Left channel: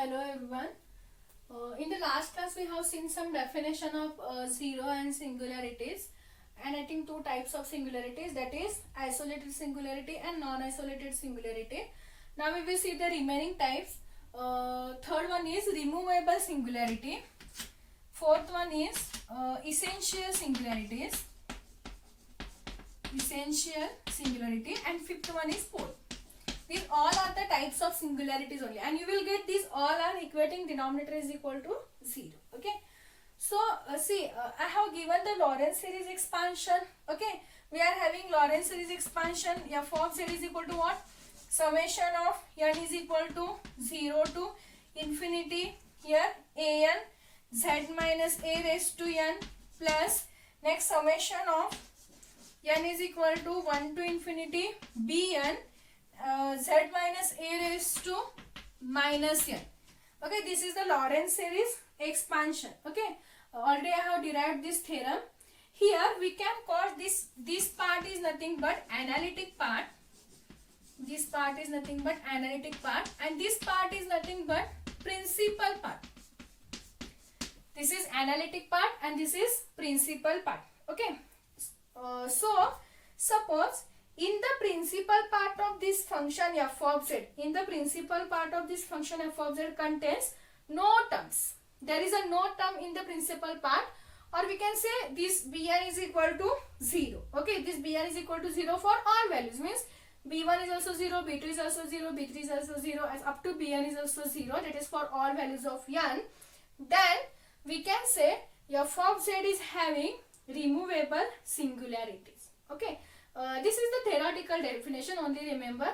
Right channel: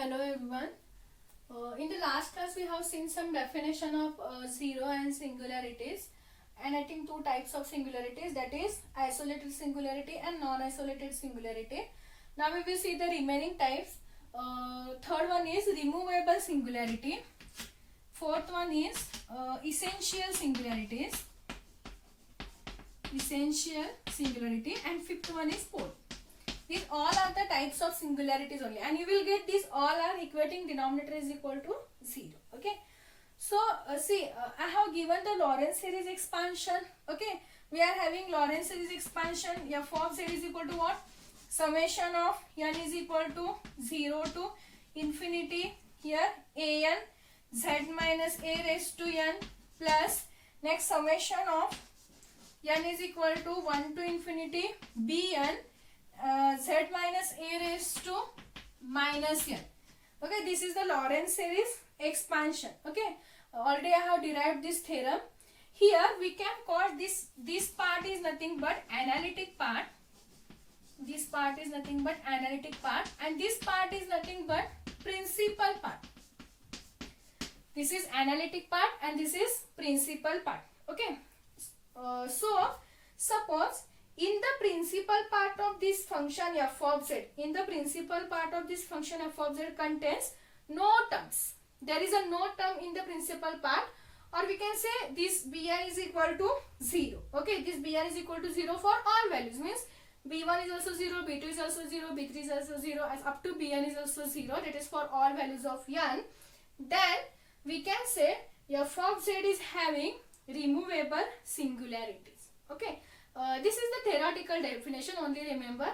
Hello everyone. In the last class we have seen some definition of zero and singularities, and I think two types of singularities, that is isolated singularity and non-isolated singularity. Now we will see the remaining types. Third one is removable singularity. Fourth one is essential singularities. And fifth one is pole. These all are the types of singularities only, and you will get these all are equating denominator is equal to 0. Okay. So I have given the Lorentz series expansion. Okay. We are having Lorentz series expansion. F of z is equal to what? Summation of n is equal to 0 to infinity. Here an z minus a raised to n plus next summation of n is equal to 1 to infinity bn z minus a raised to minus n. Okay, this is the Lorentz series expansion. Okay, already I have derived this theorem. Here we can call this part is nothing but analytic part. This part is nothing but analytic part, and this part is nothing but principal part. This is analytic part and this is principal part. Okay, so suppose in the principal part of this function f of z, contains no terms. There is a no term in the principal part, or we can say this bn is equal to 0. Okay, this bn is equal to 0 for all values, means b1 is also 0, b2 is also 0, b3 is also 0, as up to bn is also 0. That is for all values of n. Then we can say f of z is having removable singularities. Okay. This is the theoretical definition. Only remember,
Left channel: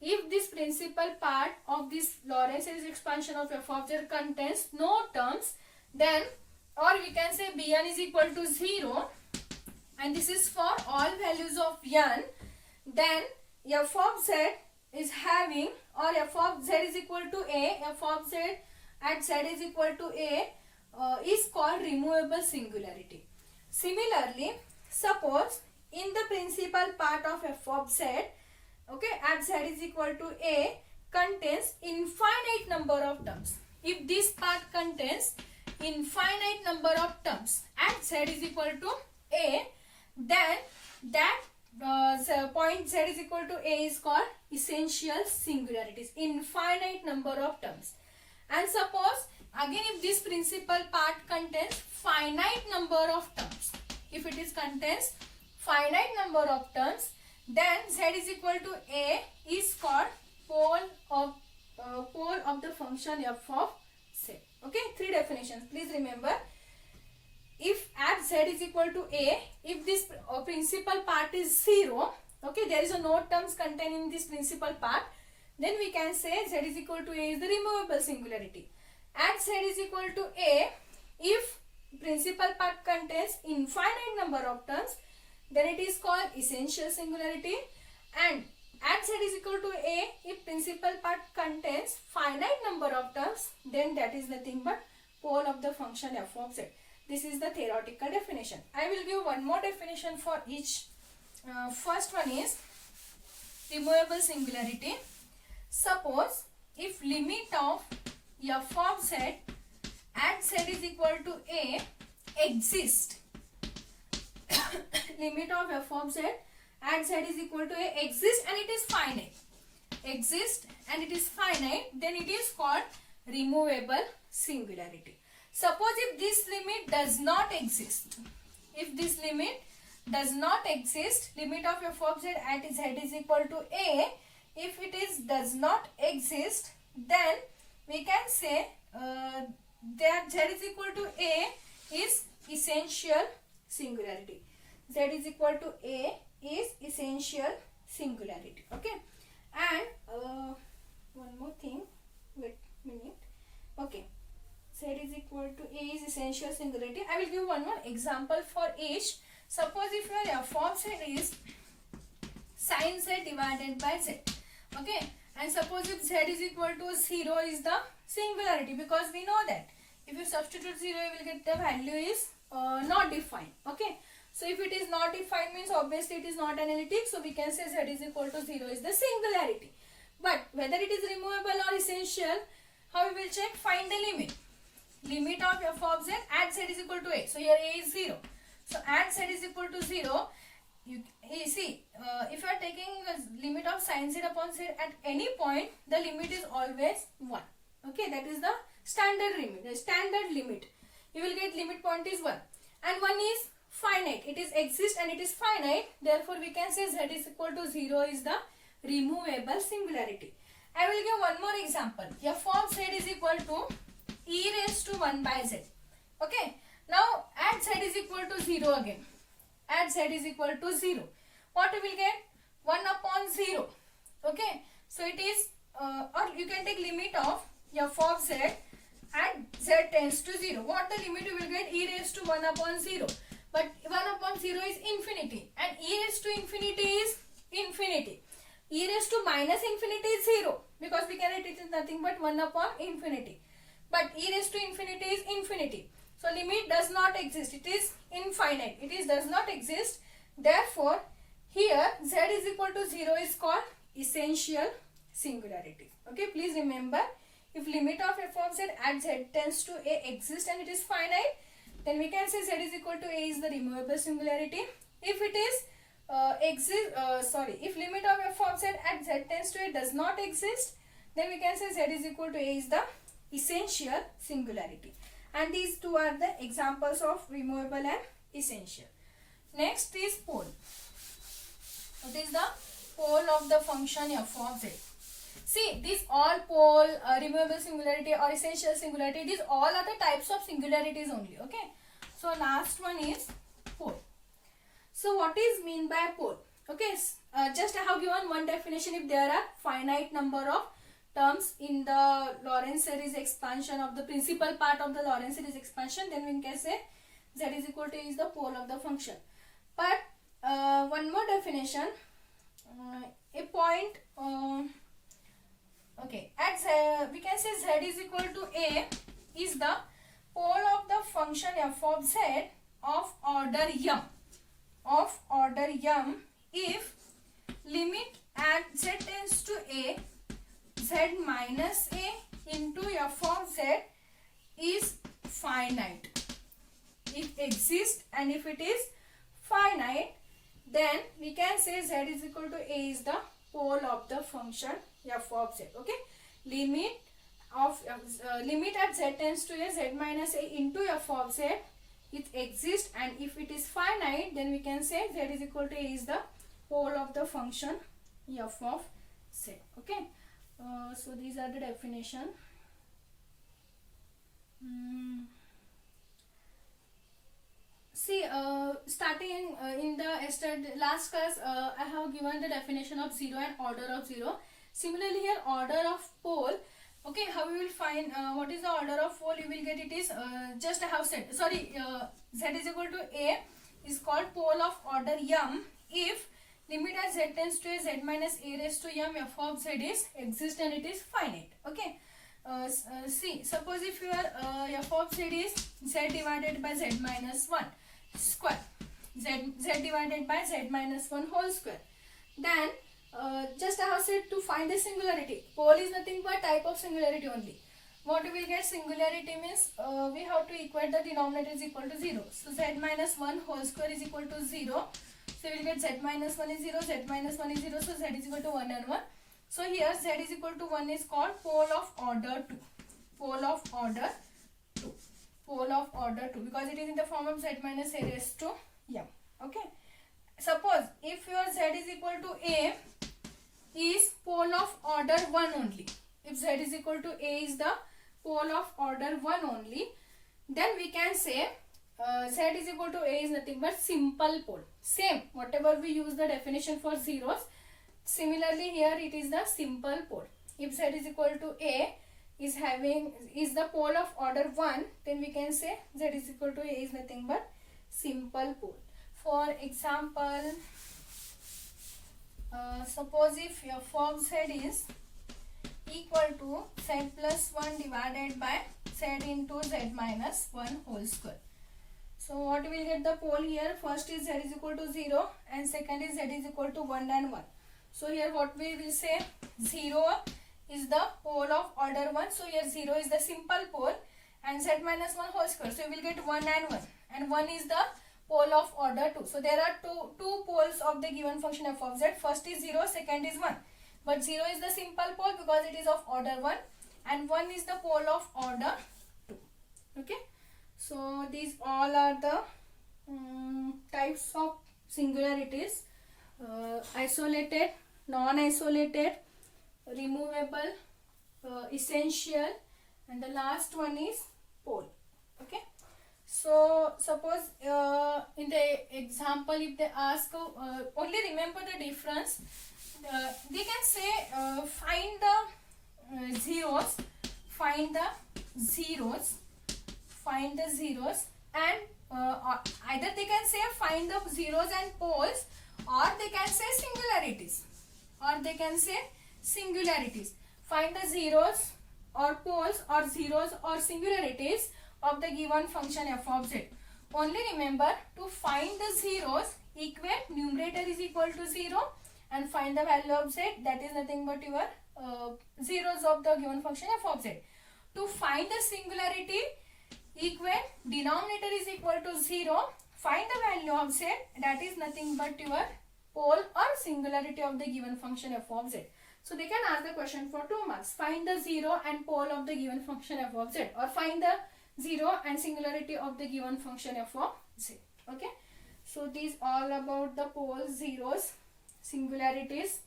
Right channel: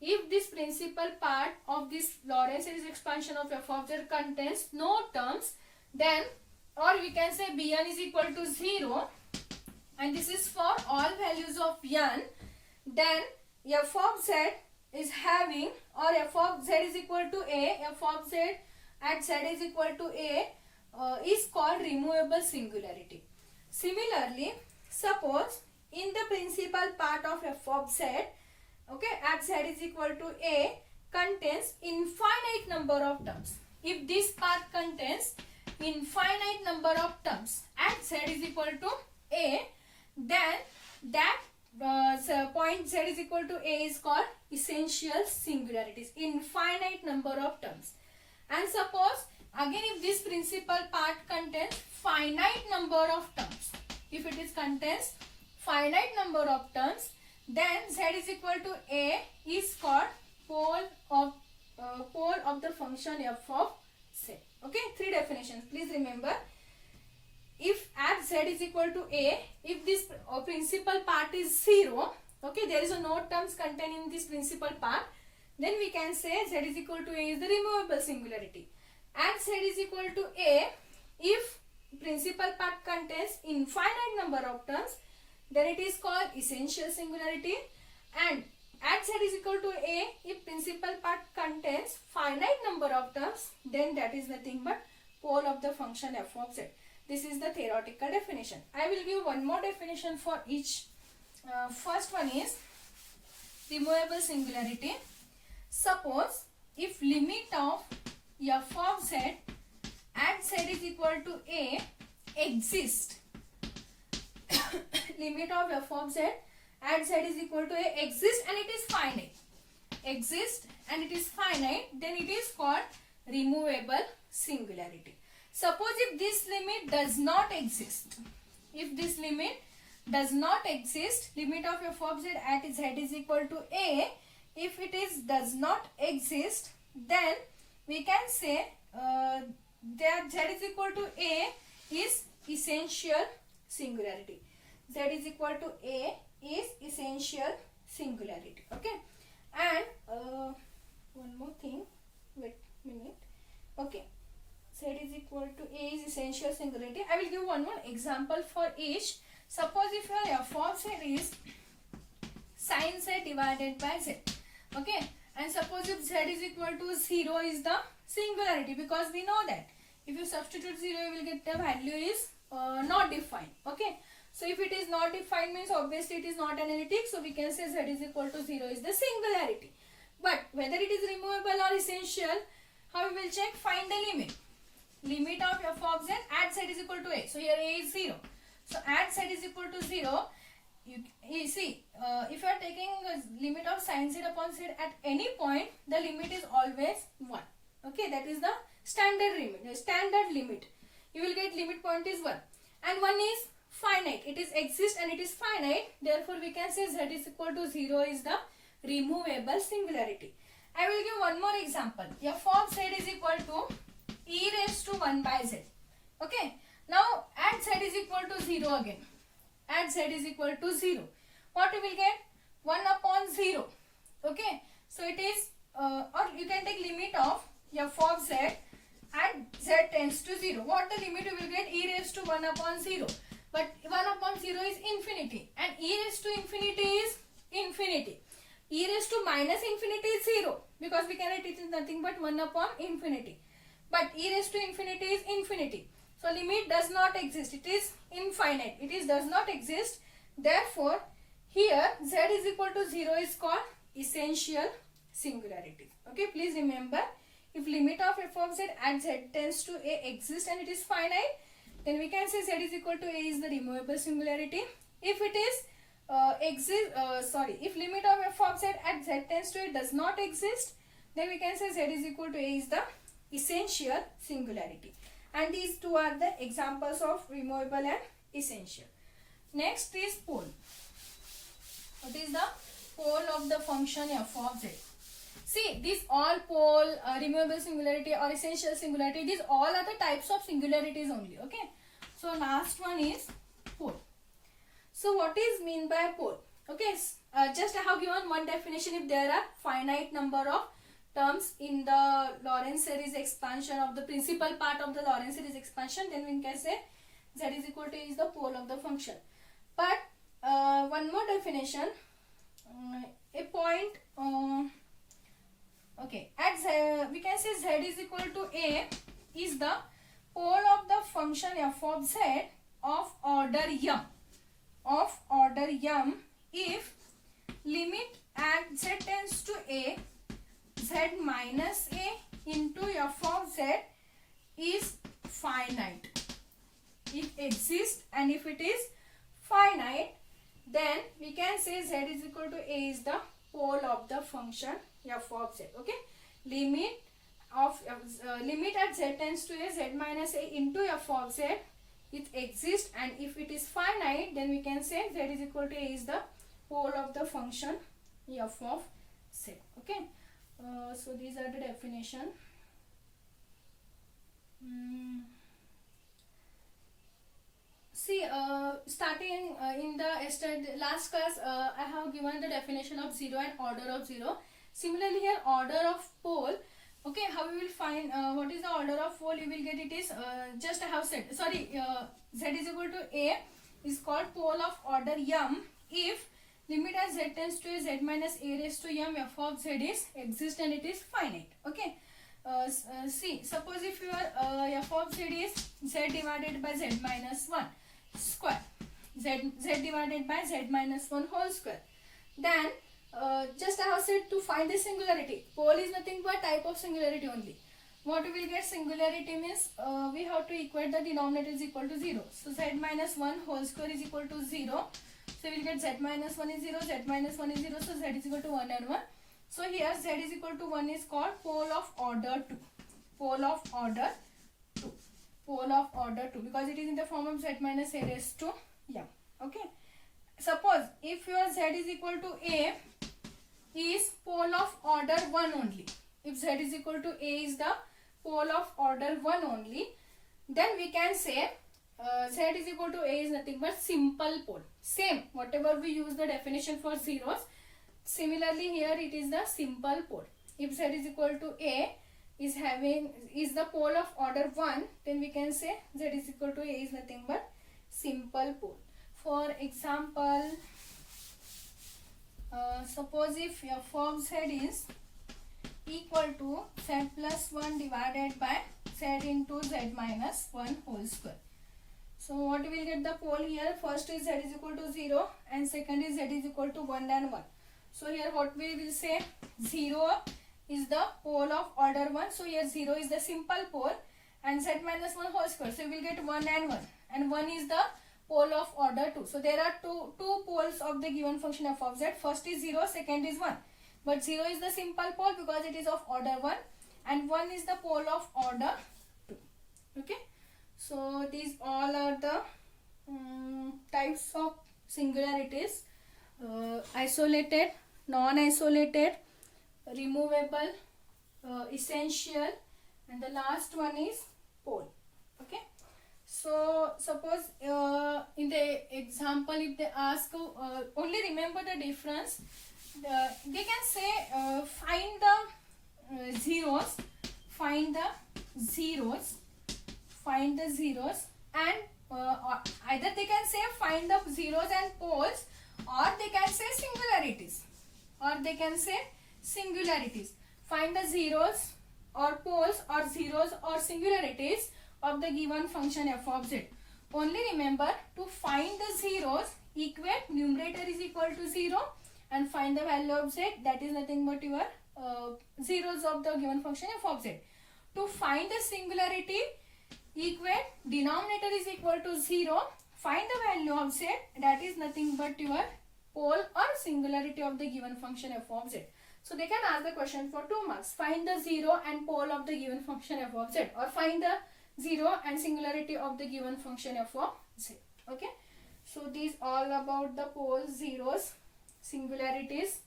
if this principal part of this Lorentz series expansion of f of z contains no terms, then, or we can say bn is equal to 0, and this is for all values of n, then f of z is having, or f of z is equal to a, f of z at z is equal to a is called removable singularity. Similarly, suppose in the principal part of f of z, okay, at z is equal to a contains infinite number of terms. If this part contains infinite number of terms at z is equal to a, then that point z is equal to a is called essential singularities, infinite number of terms. And suppose again if this principal part contains finite number of terms, if it is contains finite number of terms, then z is equal to a is called pole of the function f of z. Okay, three definitions. Please remember, if at z is equal to a, if this principal part is 0, okay, there is a no terms contained in this principal part, then we can say z is equal to a is the removable singularity. At z is equal to a, if principal part contains infinite number of terms, then it is called essential singularity. And at z is equal to a, if principal part contains finite number of terms, then that is nothing but pole of the function f of z. This is the theoretical definition. I will give one more definition for each. First one is removable singularity. Suppose if limit of f of z at z is equal to a exist, limit of f of z at z is equal to a exist and it is finite, then it is called removable singularity. Suppose if this limit does not exist, limit of f of z at z is equal to a, if it is does not exist, then we can say that z is equal to a is essential singularity. Z is equal to a is essential singularity. Okay, and one more thing, wait a minute. Okay, z is equal to a is essential singularity. I will give one more example for each. Suppose if your f of z is sin z divided by z. Okay, and suppose if z is equal to 0 is the singularity, because we know that if you substitute 0, you will get the value is not defined. Okay, so if it is not defined, means obviously it is not analytic, so we can say z is equal to 0 is the singularity. But whether it is removable or essential, How we will check? Find the limit. Limit of f of z at z is equal to a. So here a is 0. So at z is equal to 0, you see, if you are taking a limit of sin z upon z at any point, the limit is always 1. Okay, that is the standard limit. The standard limit. You will get limit point is 1. And 1 is finite. It is exist and it is finite. Therefore, we can say z is equal to 0 is the removable singularity. I will give one more example. F of z is equal to e raised to 1 by z. Okay. Now, at z is equal to 0 again. At z is equal to 0. What we will get? 1 upon 0. Okay. So, it is, or you can take limit of f of z at z tends to 0. What the limit you will get? E raised to 1 upon 0. But 1 upon 0 is infinity. And e raised to infinity is infinity. E raised to minus infinity is 0. Because we can write it is nothing but 1 upon infinity. But e raised to infinity is infinity. So limit does not exist. It is infinite. It does not exist. Therefore, here z is equal to 0 is called essential singularity. Okay, please remember, if limit of f of z at z tends to a exists and it is finite, then we can say z is equal to a is the removable singularity. If it is if limit of f of z at z tends to a does not exist, then we can say z is equal to a is the essential singularity. And these two are the examples of removable and essential. Next is pole. What is the pole of the function f of z? See, these all pole, removable singularity or essential singularity, these all are the types of singularities only. Okay. So, last one is pole. So, what is mean by pole? Okay. Just I have given one definition. If there are finite number of terms in the Lorentz series expansion of the principal part of the Lorentz series expansion, then we can say z is equal to is the pole of the function. But one more definition, a point, okay, at z, we can say z is equal to a is the pole of the function f of z of order m if limit at z tends to a z minus a into f of z is finite. It exists, and if it is finite, then we can say z is equal to a is the pole of the function f of z. Okay, limit at z tends to a z minus a into f of z, it exists, and if it is finite, then we can say z is equal to a is the pole of the function f of z. Okay. So these are the definition. See, starting in the last class, I have given the definition of 0 and order of 0. Similarly, here order of pole. Okay, how we will find what is the order of pole? You will get it is just I have said. Sorry, z is equal to a is called pole of order m if limit at z tends to a z minus a raised to m f of z is exist and it is finite. Okay. See, suppose if your f of z is z divided by z minus 1 square, z divided by z minus 1 whole square, then just I have said to find the singularity. Pole is nothing but type of singularity only. What we will get singularity means we have to equate the denominator is equal to 0. So z minus 1 whole square is equal to 0. So we will get z minus 1 is 0, z minus 1 is 0, so z is equal to 1 and 1. So here z is equal to 1 is called pole of order 2. Pole of order 2. Pole of order 2 because it is in the form of z minus a raised to m. Okay. Suppose if your z is equal to a is pole of order 1 only. If z is equal to a is the pole of order 1 only, then we can say z is equal to a is nothing but simple pole. Same, whatever we use the definition for zeros, similarly here it is the simple pole. If z is equal to a is the pole of order 1, then we can say z is equal to a is nothing but simple pole. For example, suppose if f of z is equal to z plus 1 divided by z into z minus 1 whole square. So what we will get the pole here? First is z is equal to 0 and second is z is equal to 1 and 1. So here what we will say 0 is the pole of order 1. So here 0 is the simple pole and z minus 1 whole square. So we will get 1 and 1 is the pole of order 2. So there are two poles of the given function f of z. First is 0, second is 1. But 0 is the simple pole because it is of order 1 and 1 is the pole of order 2. Okay. So these all are the types of singularities: isolated, non-isolated, removable, essential, and the last one is pole. Okay. So suppose in the example, if they ask, only remember the difference. They can say find the zeros, find the zeros, and either they can say find the zeros and poles, or they can say singularities, find the zeros or poles or zeros or singularities of the given function f of z. Only remember, to find the zeros, equate numerator is equal to 0 and find the value of z, that is nothing but your zeros of the given function f of z. To find the singularity, equate denominator is equal to 0, find the value of z, that is nothing but your pole or singularity of the given function f of z. So they can ask the question for 2 marks. Find the 0 and pole of the given function f of z, or find the 0 and singularity of the given function f of z. Okay. So these all about the poles, zeros, singularities.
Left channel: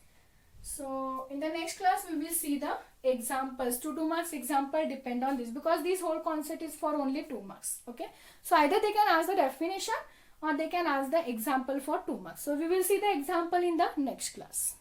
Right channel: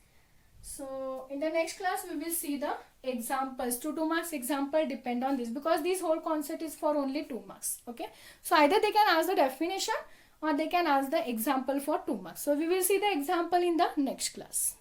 So in the next class we will see the examples. 2 marks example depend on this, because this whole concept is for only 2 marks. Okay. So either they can ask the definition or they can ask the example for 2 marks. So we will see the example in the next class.